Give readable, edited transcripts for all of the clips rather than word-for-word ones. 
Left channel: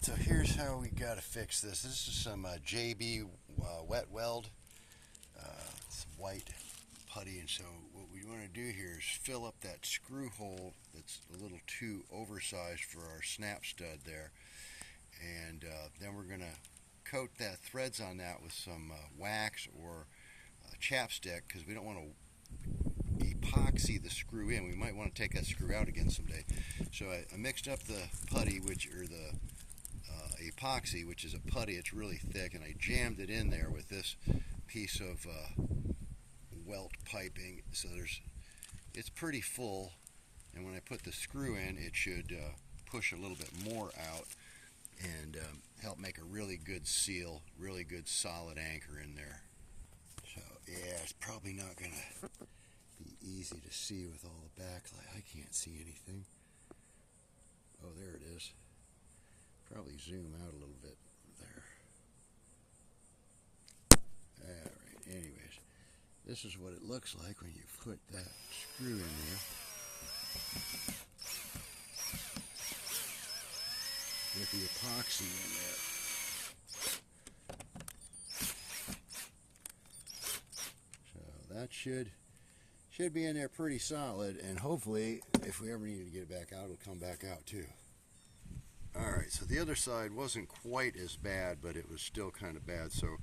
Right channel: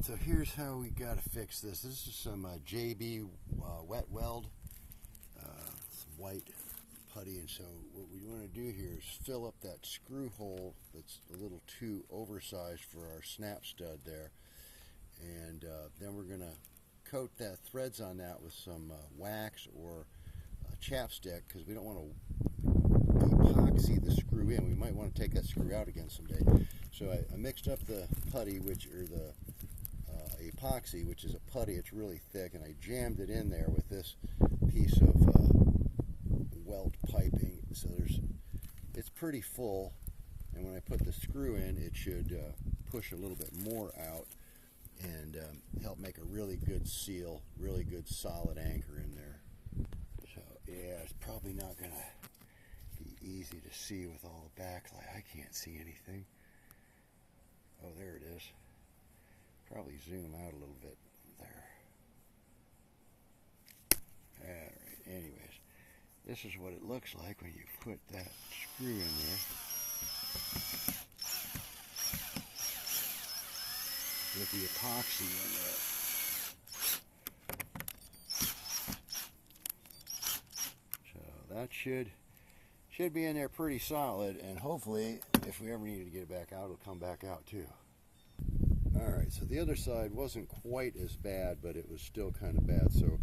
Alright, so here's how we got to fix this. This is some JB wet weld. It's white putty, and so what we want to do here is fill up that screw hole that's a little too oversized for our snap stud there. And then we're going to coat that threads on that with some wax or chapstick, because we don't want to epoxy the screw in. We might want to take that screw out again someday. So I mixed up the putty, the epoxy, which is a putty. It's really thick, and I jammed it in there with this piece of weld piping. So it's pretty full, and when I put the screw in, it should push a little bit more out and help make a really good seal, really good solid anchor in there. So yeah, it's probably not going to be easy to see with all the backlight. I can't see anything. Oh, there it is. Probably zoom out a little bit there. Alright, anyways, this is what it looks like when you put that screw in there. With the epoxy in there. So that should be in there pretty solid, and hopefully if we ever need to get it back out, it'll come back out too. Alright, so the other side wasn't quite as bad, but it was still kind of bad, so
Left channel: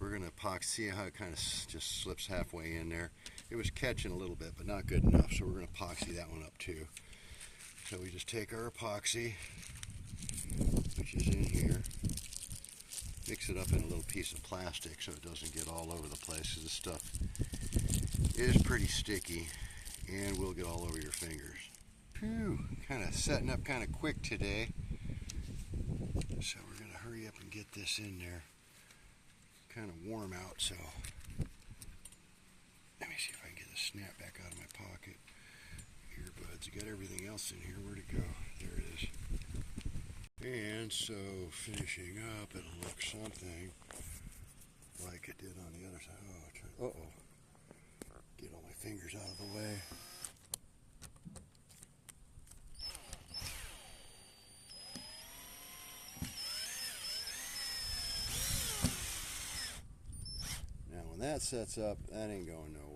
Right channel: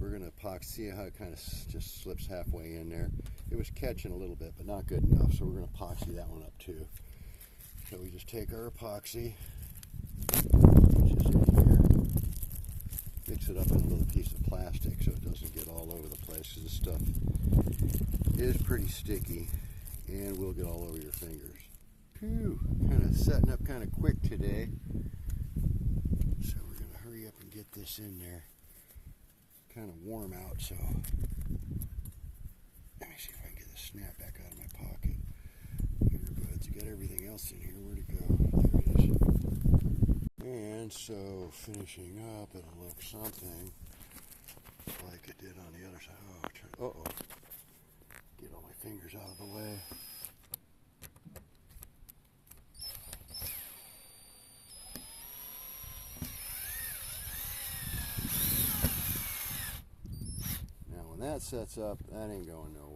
we're going to epoxy. See how it kind of just slips halfway in there. It was catching a little bit, but not good enough, so we're going to epoxy that one up too. So we just take our epoxy, which is in here, mix it up in a little piece of plastic so it doesn't get all over the place, because this stuff is pretty sticky and will get all over your fingers. Whew, kind of setting up kind of quick today, so we're going to hurry up and get this in there. Kind of warm out, so let me see if I can get the snap back out of my pocket. Earbuds, you got everything else in here. Where'd it go? There it is. And so finishing up, it'll look something like it did on the other side. Oh, uh-oh. Get all my fingers out of the way. Now when that sets up, that ain't going nowhere.